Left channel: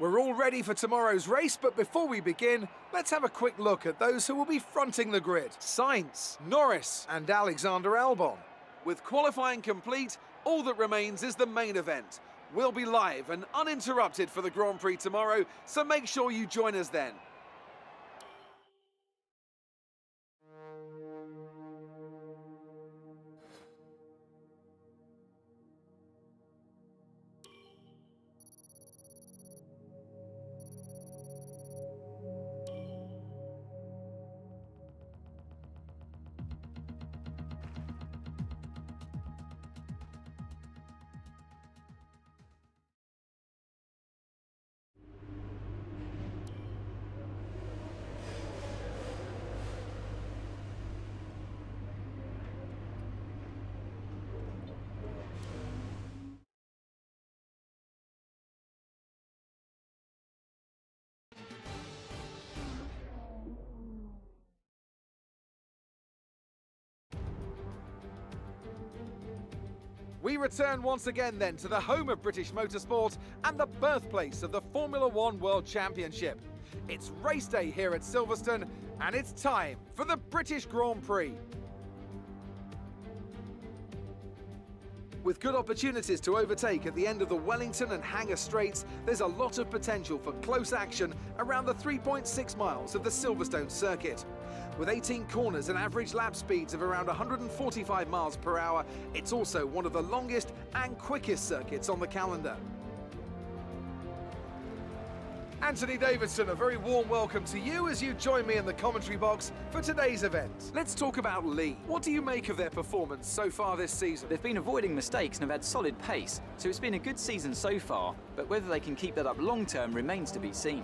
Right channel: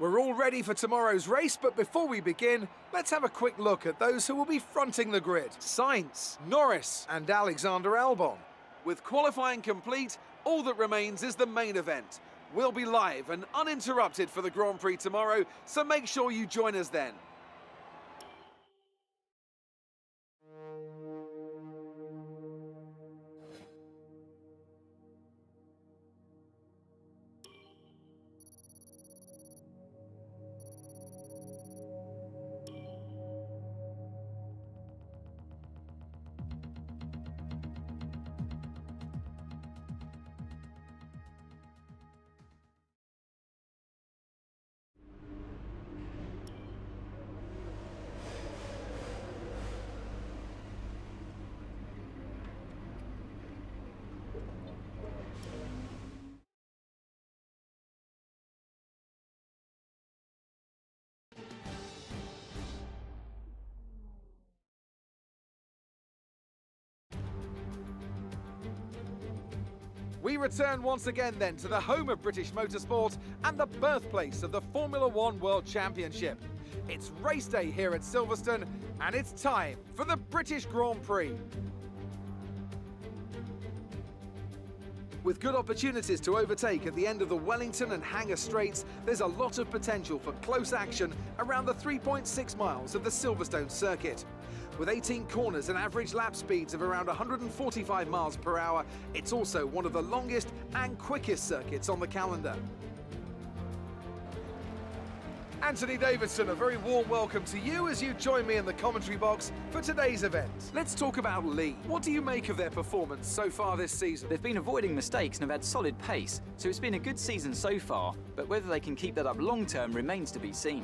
We're all ready for tomorrow's race, but before we begin, let's have a quick look at those who will be fronting the grid. Sainz, Norris and Alexander Albon. With qualifying complete, all that remains is the main event. We'll be live and uninterrupted for the Grand Prix tomorrow, so make sure you join us then. We return once again then to the home of British motorsport and the birthplace of the Formula One World Championship. It's race day here at Silverstone and it's time for the British Grand Prix. With good opportunities to overtake at the end of the Wellington and Hangar Straights, there's a lot of potential for close action around the 3.6 miles of the Silverstone circuit. With 18 corners and average lap speeds of around 145 miles per hour, it's also one of the longest and quickest circuits on the calendar. Anthony Davidson, a very warm welcome to you as you join me in the commentary box for today's event. Let's talk about Lee. What do you make of their performance so far this season? They've been avoiding mistakes and have had solid pace, so it's been a good season so far, but whether they can keep that up long term remains to be seen.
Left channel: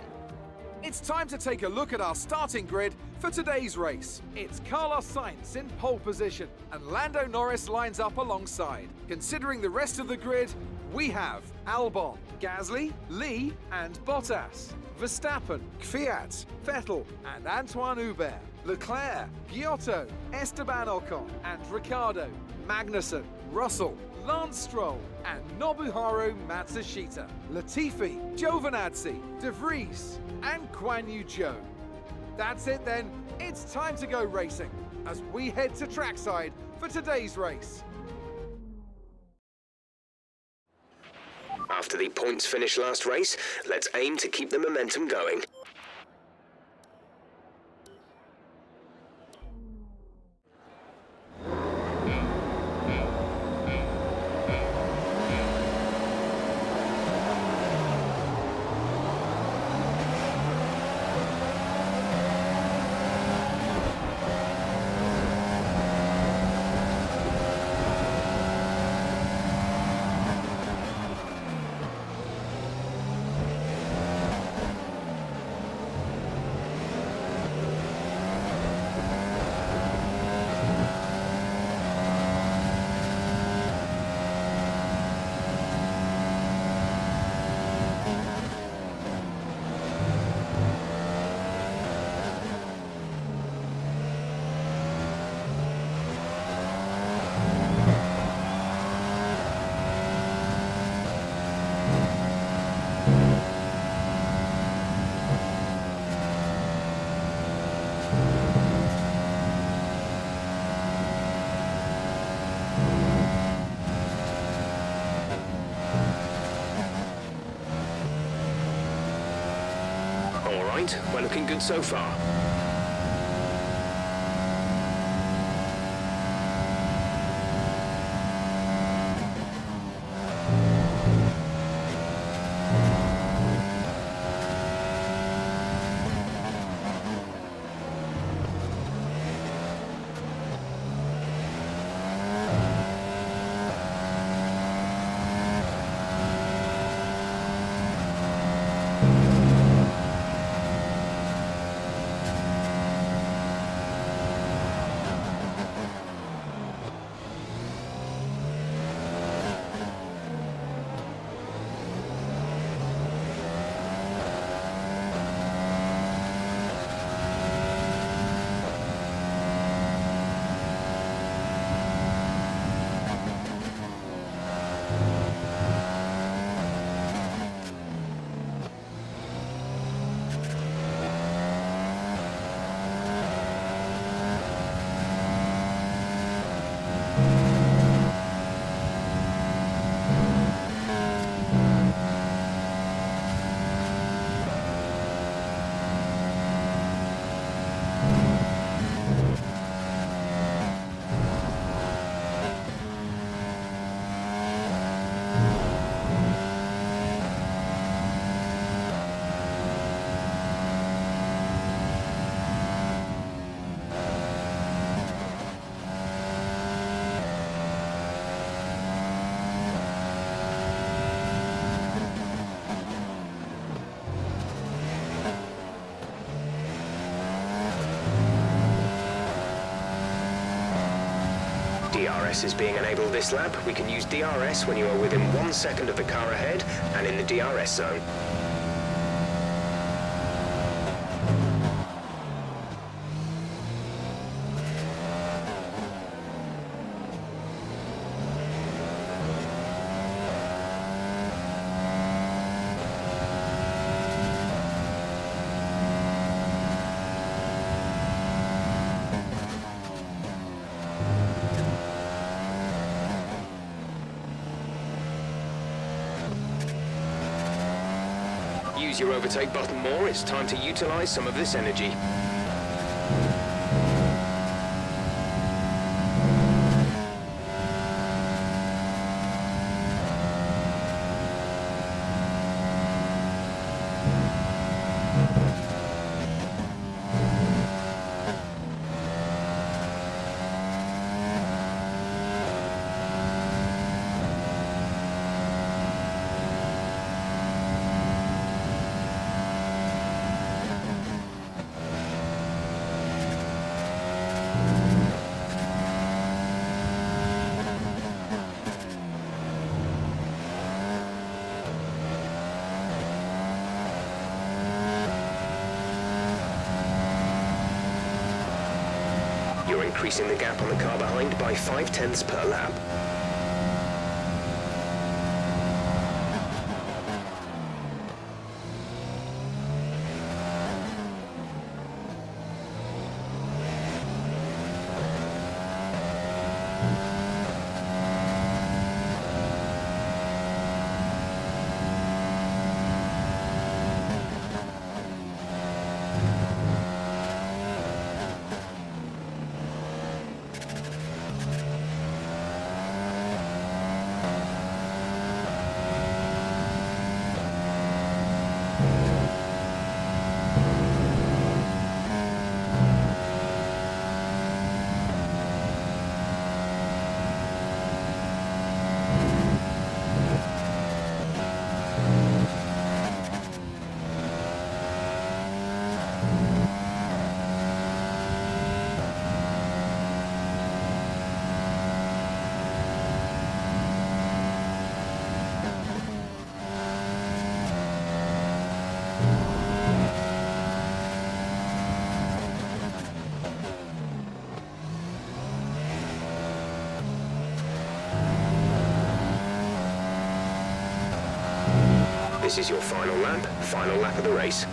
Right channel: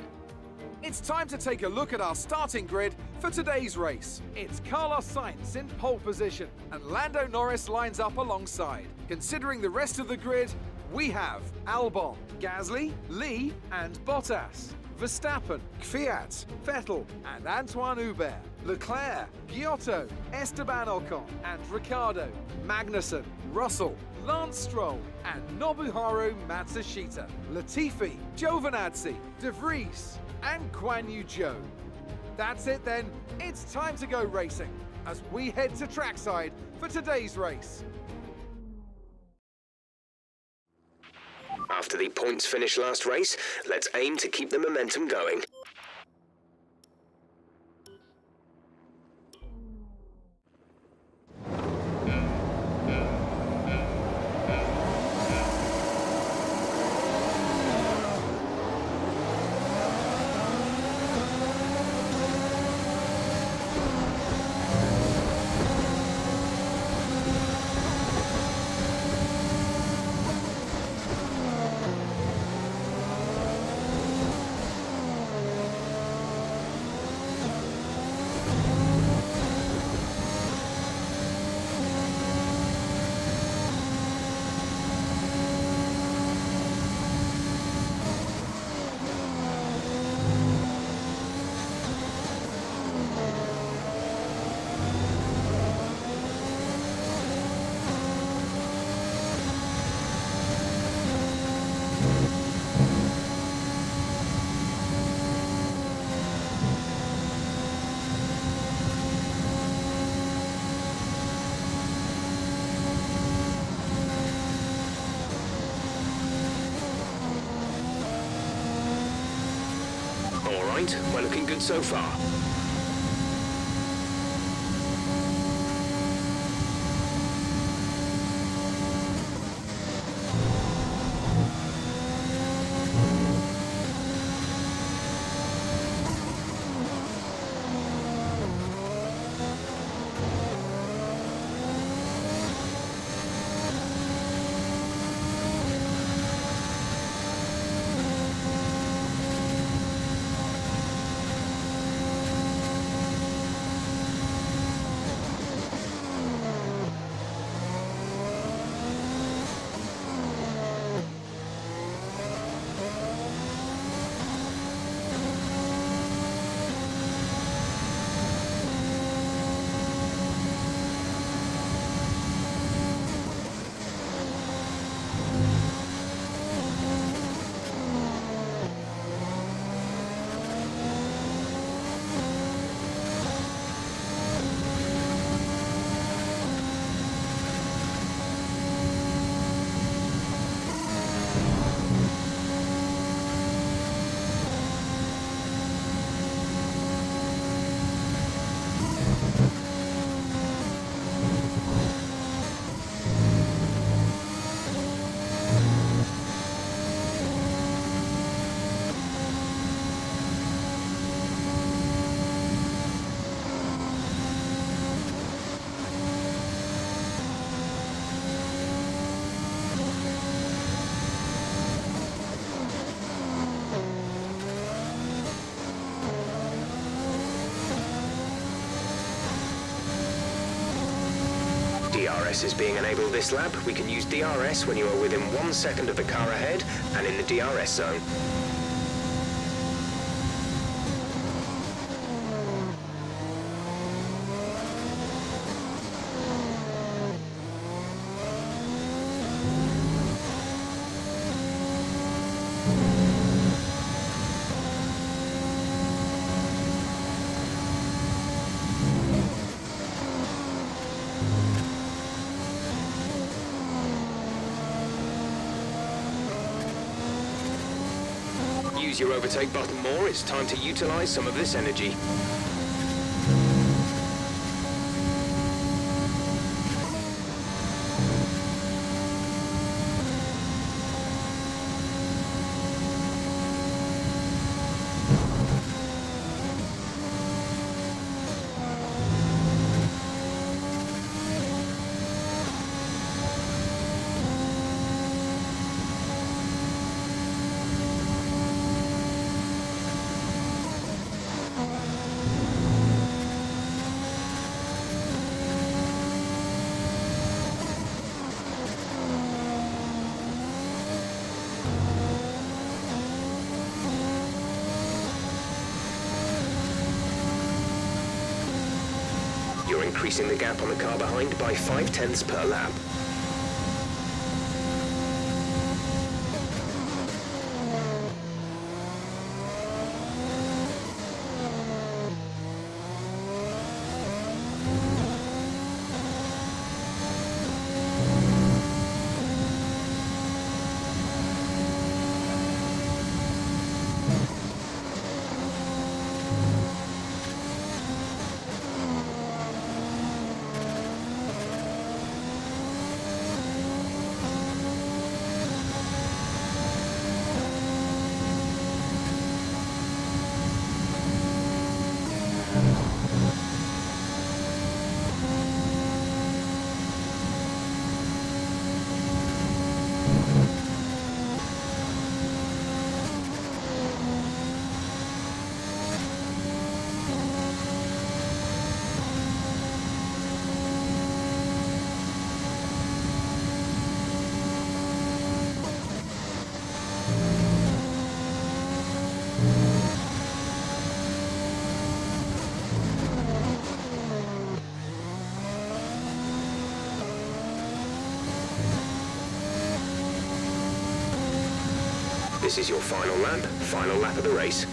It's time to take a look at our starting grid for today's race. It's Carlos Sainz in pole position and Lando Norris lines up alongside. Considering the rest of the grid, we have Albon, Gasly, Lee and Bottas, Verstappen, Kvyat, Vettel and Antoine Hubert, Leclerc, Giotto, Esteban Ocon and Ricciardo, Magnussen, Russell, Lance Stroll and Nobuharu Matsushita, Latifi, Giovinazzi, De Vries and Guan Yu Zhou. That's it then, it's time to go racing as we head to trackside for today's race. After the points finish last race, let's aim to keep the momentum going. All right, we're looking good so far. DRS is being enabled this lap. We can use DRS when you are within 1 second of the car ahead and in the DRS zone. Use your overtake button more, it's time to utilize some of this energy. You're increasing the gap on the car behind by 0.5 per lap. This is your final lap of the race.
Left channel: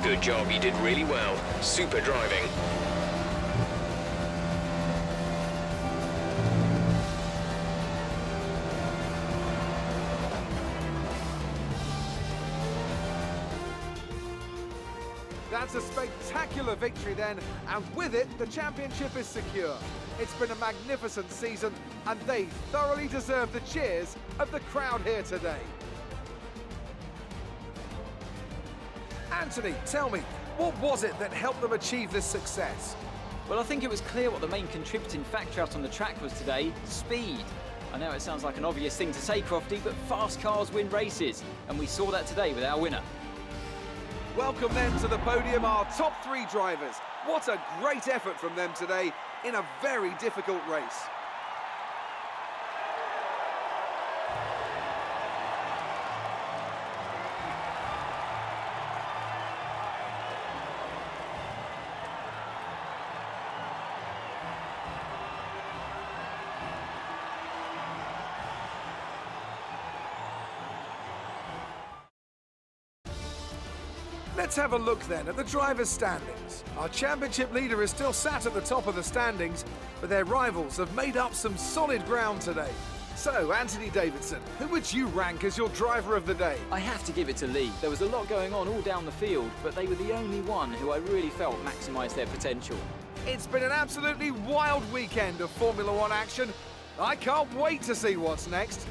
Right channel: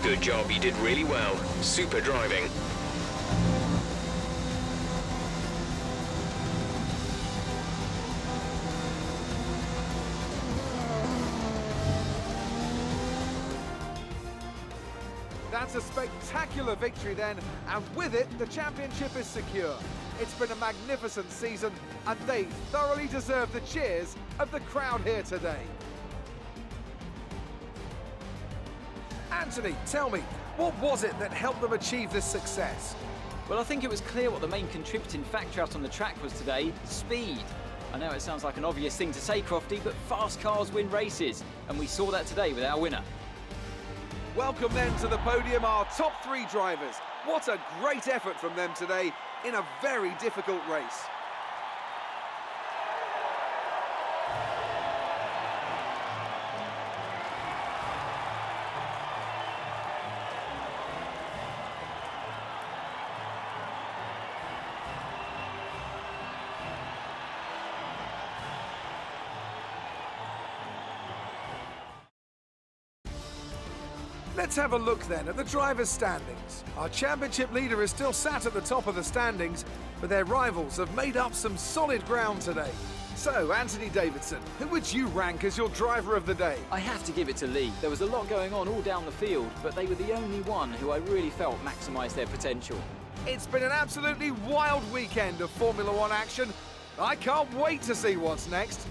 Good job, you did really well. Super driving. That's a spectacular victory then, and with it, the championship is secure. It's been a magnificent season, and they thoroughly deserve the cheers of the crowd here today. Anthony, tell me, what was it that helped them achieve this success? Well, I think it was clear what the main contributing factor out on the track was today: speed. I know it sounds like an obvious thing to say, Crofty, but fast cars win races, and we saw that today with our winner. Welcome then to the podium, our top 3 drivers. What a great effort from them today in a very difficult race. Let's have a look then at the drivers' standings. Our championship leader is still sat at the top of the standings, but their rivals have made up some solid ground today. So, Anthony Davidson, who would you rank as your driver of the day? I have to give it to Lee. There was a lot going on all down the field, but they were the only one who I really felt maximised their potential. It's been an absolutely wild weekend of Formula One action. I can't wait to see what's next.